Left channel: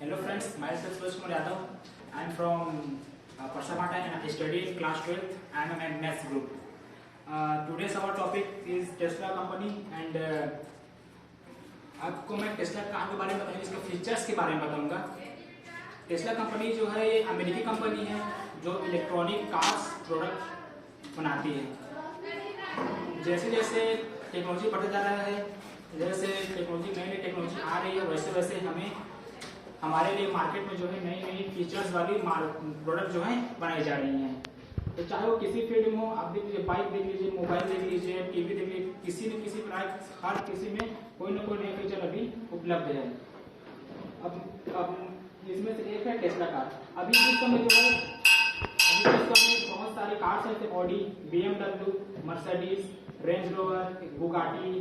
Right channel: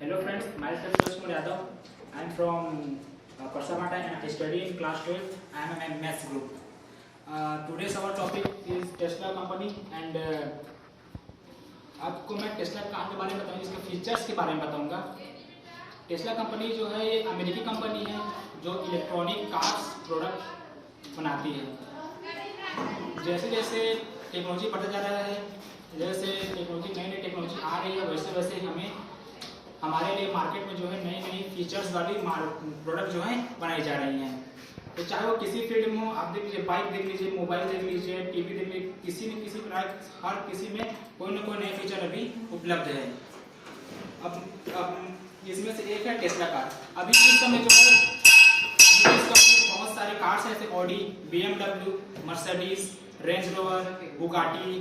Hello friends, myself Sushma Yadav. I am from Parsamata and I study in class 12. I am in maths group. Today's our topic is Tesla company and आपको मैं Tesla car के बारे में बताऊंगा, इसके features के बारे में बताऊंगा। टेस्ला कंपनी जो है ये अमेरिकी कंपनी है जो इलेक्ट्रॉनिक कार्स प्रोडक्ट बनाती है। जैसे जैसे टेक्नोलॉजी बढ़ता जा रहा है, जैसे टेक्नोलॉजी नई टेक्नोलॉजी आ रही है, वैसे वैसे हमें हमारे लिए मार्केट में जो है नई नई फीचर्स वाली प्रोडक्ट जो है बनाई जा रही हैं। तो चाहे वो किसी फील्ड में हो, आप देख लीजिए, बाइक देख लीजिए, मोबाइल देख लीजिए, टीवी देख लीजिए, किसी न किसी प्रकार हर किसी में कोई ना कोई नया फीचर अभी उपलब्ध है। अब इसमें से एक है टेस्ला कार। अभी इस समय जो है बहुत सारे कार्स हैं, जैसे Audi, BMW, Mercedes, range Rover, Bugatti,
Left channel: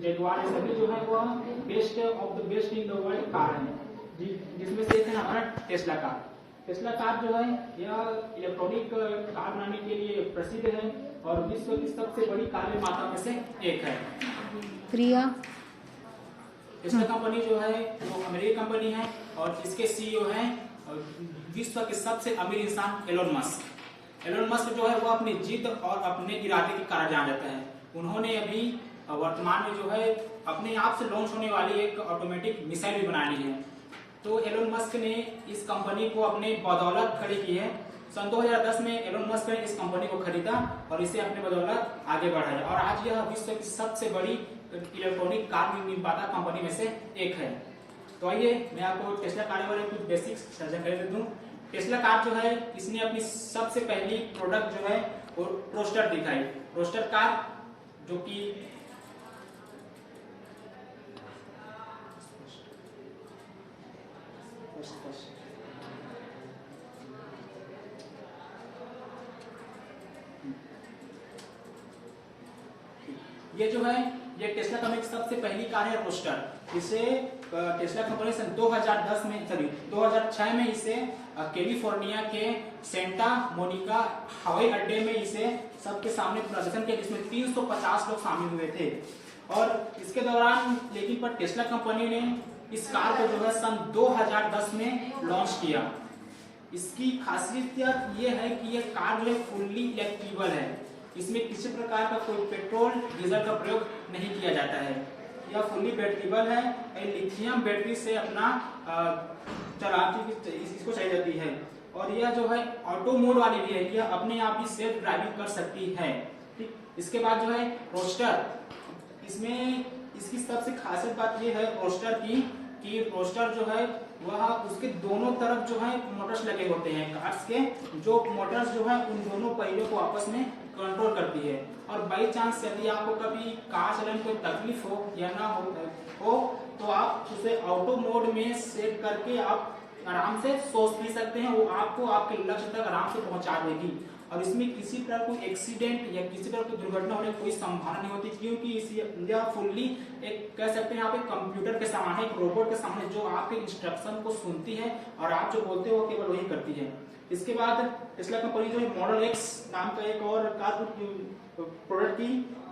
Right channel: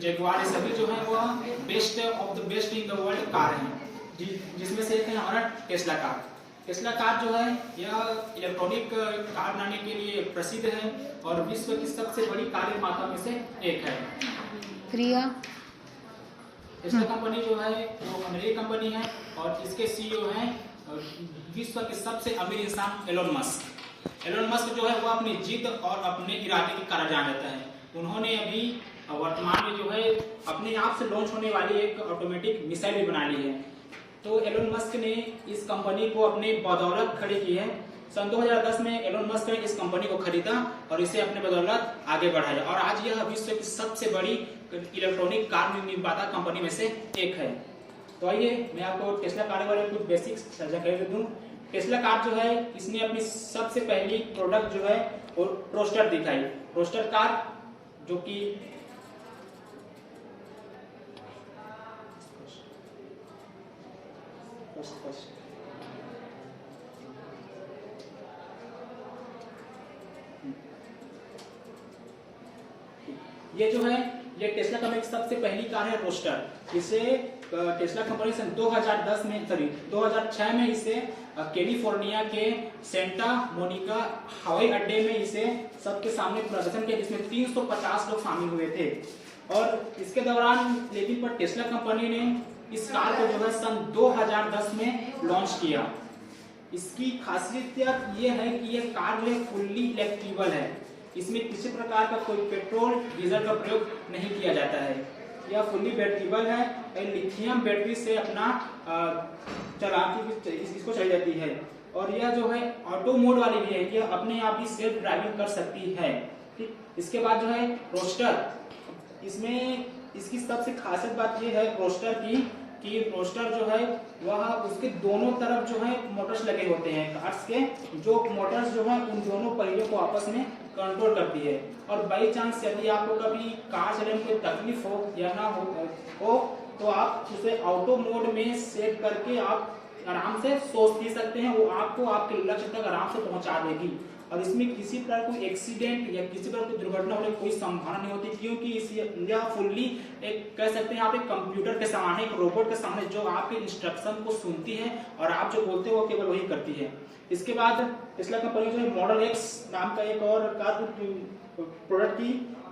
Jaguar, ये सभी जो है वह best of the best in the world car हैं, जिसमें से एक है हमारा टेस्ला कार। टेस्ला कार जो है यह इलेक्ट्रॉनिक कार बनाने के लिए प्रसिद्ध है और विश्व की सबसे बड़ी कार निर्माता में से एक है। प्रिया टेस्ला कंपनी जो है वो अमेरिकी कंपनी है और इसके CEO हैं विश्व के सबसे अमीर इंसान एलोन मस्क। एलोन मस्क जो है वो अपनी जिद और अपने इरादे के कारण जाना जाता है। उन्होंने अभी वर्तमान में जो है अपने आप से लॉन्च होने वाली एक ऑटोमेटिक मिसाइल भी बना ली है। तो एलोन मस्क ने इस कंपनी को अपने बदौलत खड़ी की है। सन 2010 में एलोन मस्क ने इस कंपनी को खरीदा और इसे अपने बदौलत आगे बढ़ाया और आज यह विश्व की सबसे बड़ी इलेक्ट्रॉनिक कार निर्माता कंपनी में से एक है। तो आइए मैं आपको टेस्ला कार के बारे में कुछ बेसिक्स जानकारी दे दूं। टेस्ला कार जो है इसने अपनी सबसे पहली प्रोडक्ट जो है वो रोस्टर दिखाई। रोस्टर कार जो कि ये जो है ये टेस्ला कंपनी की सबसे पहली कार है रोस्टर। इसे टेस्ला कंपनी सन 2006 में इसे कैलिफोर्निया के सेंटा मोनिका हवाई अड्डे में इसे सबके सामने प्रदर्शन किया, जिसमें 350 लोग शामिल हुए थे। और इसके दौरान लेकिन पर टेस्ला कंपनी ने इस कार को जो है सन 2010 में लॉन्च किया। इसकी खासियत ये है कि यह कार जो है फुल्ली इलेक्ट्रिकल है। इसमें किसी प्रकार का कोई पेट्रोल डीजल का प्रयोग नहीं किया जाता है। यह फुल्ली बैटरीबल है, लिथियम बैटरी से अपना चलाती इसको चलाई जाती है और यह जो है ऑटो मोड वाली भी है, यह अपने आप ही सेल्फ ड्राइविंग कर सकती है। ठीक, इसके बाद जो है रोस्टर, इसमें इसकी सबसे खासियत बात यह है रोस्टर की कि रोस्टर जो है वह उसके दोनों तरफ जो है मोटर्स लगे होते हैं। कार्स के जो मोटर्स जो है उन दोनों पहियों को आपस में कंट्रोल करती है और बाई चांस यदि आपको कभी कार चलाने में कोई तकलीफ हो या ना हो तो आप उसे ऑटो मोड में सेट करके आप आराम से सोच पी सकते हैं। वो आपको आपके लक्ष्य तक आराम से पहुंचा देगी और इसमें किसी तरह कोई एक्सीडेंट या किसी तरह की दुर्घटना होने की कोई संभावना नहीं होती, क्योंकि यह फुल्ली एक कह सकते हैं आप एक कंप्यूटर के सामने, एक रोबोट के सामने जो आपके इंस्ट्रक्शन को सुनती है और आप जो बोलते हो केवल वही करती है। इसके बाद टेस्ला कंपनी जो है मॉडल एक्स नाम का एक और कार प्रोडक्ट की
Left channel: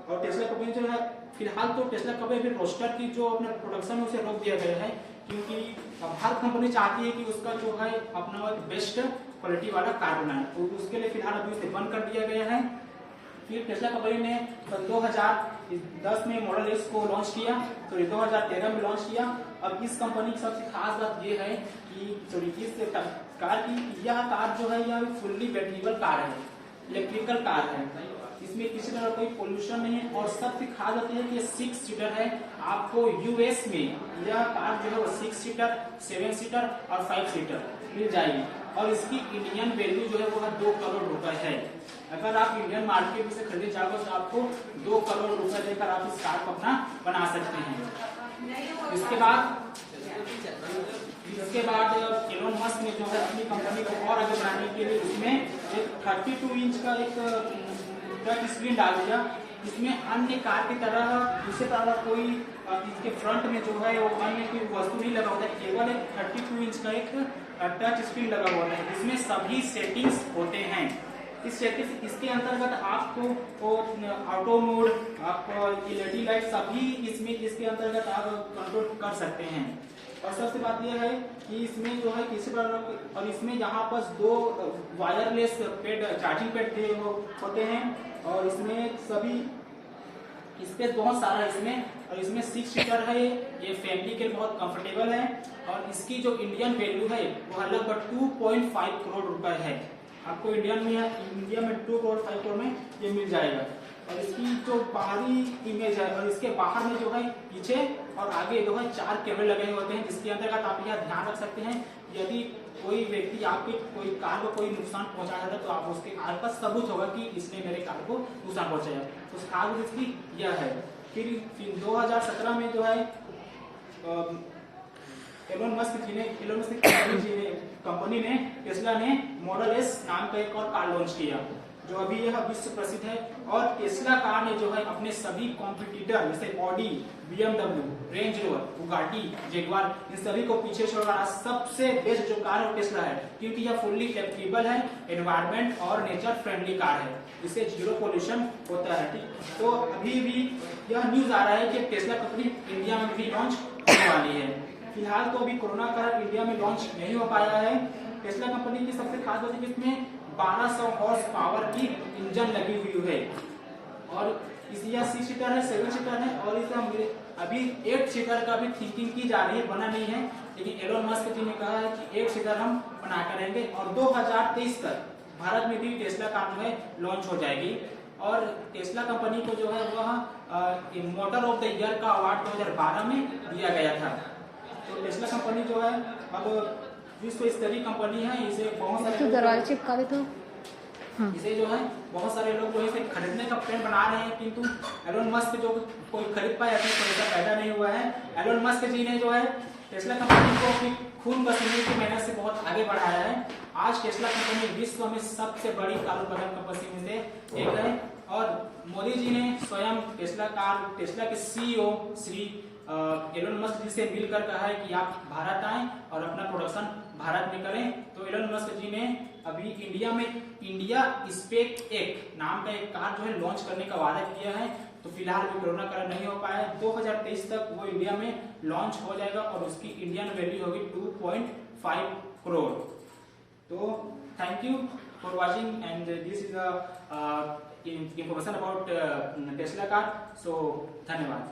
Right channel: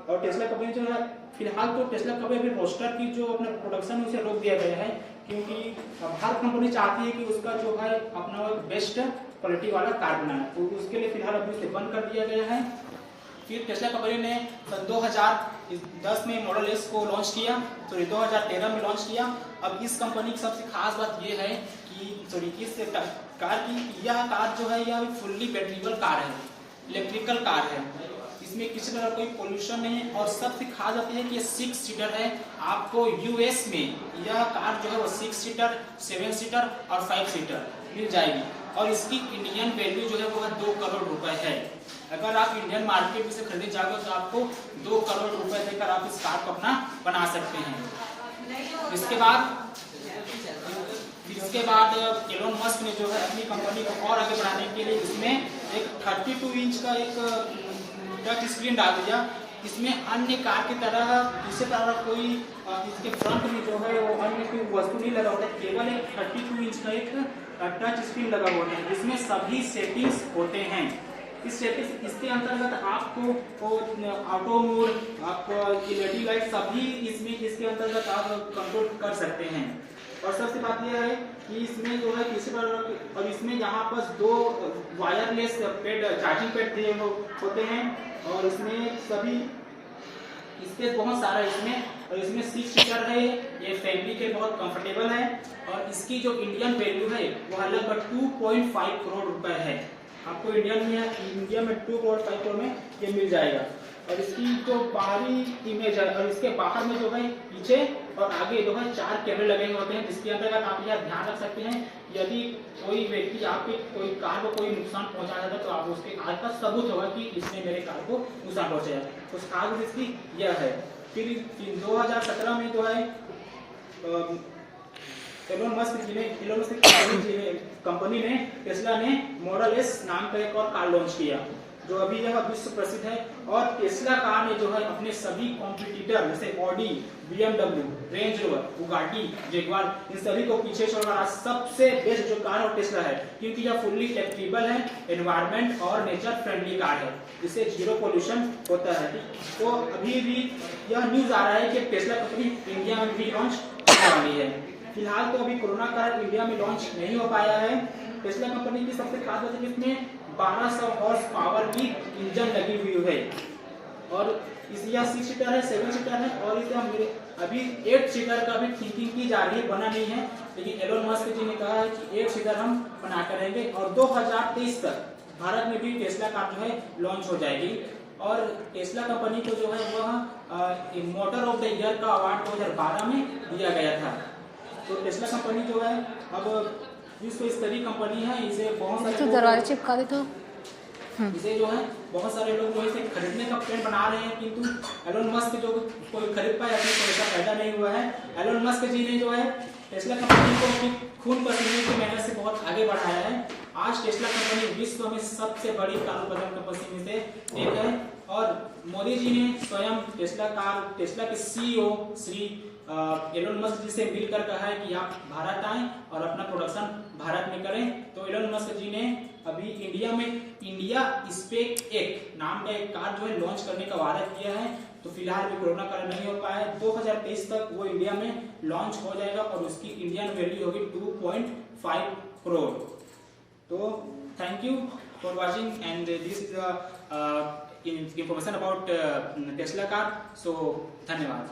और टेस्ला कंपनी जो है फिलहाल तो टेस्ला कंपनी रोस्टर की जो अपना प्रोडक्शन है उसे रोक दिया गया है, क्योंकि हर कंपनी चाहती है कि उसका जो है अपना बेस्ट क्वालिटी वाला कार बनाए, तो उसके लिए फिलहाल अभी उसे बंद कर दिया गया है। फिर टेस्ला कंपनी ने सन 2010 में मॉडल एक्स को लॉन्च किया, तो 2013 में लॉन्च किया। अब इस कंपनी की सबसे खास बात यह है कि इस कार की यह कार जो है यह फुल्ली बैटरीबल कार है, इलेक्ट्रिकल कार है। इसमें किसी तरह कोई पोल्यूशन नहीं है और सबसे खास बात है कि ये 6 सीटर है। आपको US में यह कार जो है वो 6 सीटर, 7 सीटर और 5 सीटर मिल जाएगी और इसकी इंडियन वैल्यू जो है वो 2 करोड़ रुपए है। अगर आप इंडियन मार्केट में से खरीदे जाओगे तो आपको 2 करोड़ रुपए देकर आप इस कार को अपना बना सकते हैं। इसके बाद एलोन मस्क ने जो है अपनी कंपनी को और आगे बढ़ाने के लिए इसमें एक 32 इंच का एक टच स्क्रीन डाल दिया। इसमें अन्य कार की तरह दूसरे तरह कोई इसके फ्रंट में जो है वो अन्य कोई वस्तु नहीं लगा होता है, केवल एक 32 इंच का एक टच स्क्रीन लगा हुआ है जिसमें सभी सेटिंग्स होते हैं। इस सेटिंग्स इसके अंतर्गत आपको ऑटो मोड, आपको LED लाइट सभी इसमें इसके अंतर्गत आप कंट्रोल कर सकते हैं। और सबसे बात यह है कि इसमें जो है किसी पर और इसमें यहाँ पर 2 वायरलेस पेड चार्जिंग पेड होते हैं और इसमें सभी स्पेस बहुत सारा है इसमें और इसमें 6 सीटर है। ये फैमिली के बहुत कंफर्टेबल है और इसकी जो इंडियन वैल्यू है वो लगभग 2.5 करोड़ रुपए है। आपको इंडिया में 2 करोड़ 5 करोड़ में ये मिल जाएगा। और इसकी जो बाहरी इमेज है और इसके बाहर में जो है पीछे और आगे जो है 4 कैमरे लगे होते हैं, जिसके अंतर्गत आप यह ध्यान रख सकते हैं यदि कोई व्यक्ति आपके कोई कार को कोई नुकसान पहुंचाया था तो आप उसके कार का सबूत होगा कि इसने मेरे कार को नुकसान पहुंचाया। तो खास इसकी यह है। फिर 2017 में जो है एलोन मस्क कंपनी ने टेस्ला ने मॉडल एस नाम का एक और कार लॉन्च किया जो अभी यह विश्व प्रसिद्ध है। और टेस्ला कार ने जो है अपने सभी कॉम्पिटिटर जैसे Audi, BMW, Range Rover, Bugatti, Jaguar इन सभी को पीछे छोड़कर सबसे बेस्ट जो कार है टेस्ला है, क्योंकि यह फुल्ली इलेक्ट्रिकल है, एनवायरमेंट और नेचर फ्रेंडली कार है, जिससे जीरो पोल्यूशन होता है। तो अभी भी यह न्यूज आ रहा है कि टेस्ला कंपनी इंडिया में भी लॉन्च होने वाली है। फिलहाल तो अभी कोरोना कारण इंडिया में लॉन्च नहीं हो पाया है। टेस्ला कंपनी की सबसे खास बात है कि इसमें 1200 हॉर्स पावर की इंजन लगी हुई है और यह 6 सीटर है, 7 सीटर है और इसका अभी 8 सीटर का भी थिंकिंग की जा रही है, बना नहीं है, लेकिन एलोन मस्क जी ने कहा है कि 8 सीटर हम बना कर रहेंगे और 2023 तक भारत में भी टेस्ला कार जो है लॉन्च हो जाएगी। और टेस्ला कंपनी को जो है वह मोटर ऑफ द ईयर का अवार्ड 2012 में दिया गया था। तो टेस्ला कंपनी जो है अब विश्व स्तरीय कंपनी है। इसे बहुत सारे दरवाजे चिपका दे तो इसे जो है बहुत सारे लोग जो है इसे खरीदने का प्लान बना रहे हैं, किंतु एलोन मस्क जो कोई खरीद पाए अपने पैसा पैदा नहीं हुआ है। एलोन मस्क जी ने जो है टेस्ला कंपनी को खून पसीने की मेहनत से बहुत आगे बढ़ाया है। आज टेस्ला कंपनी विश्व में सबसे बड़ी कारोबार कंपनी में से एक है और मोदी जी ने स्वयं टेस्ला के CEO श्री एलोन मस्क जी से मिलकर कहा है कि आप भारत आएं और अपना प्रोडक्शन भारत में करें। तो एलोन मस्क जी ने अभी इंडिया में इंडिया स्पेक एक नाम का एक कार जो है लॉन्च करने का वादा किया है। तो फिलहाल भी कोरोना कारण नहीं हो पाया है। 2023 तक वो इंडिया में लॉन्च हो जाएगा और उसकी इंडियन वैल्यू होगी 2.5 करोड़। तो thank you for watching and this is information about Tesla car. So धन्यवाद।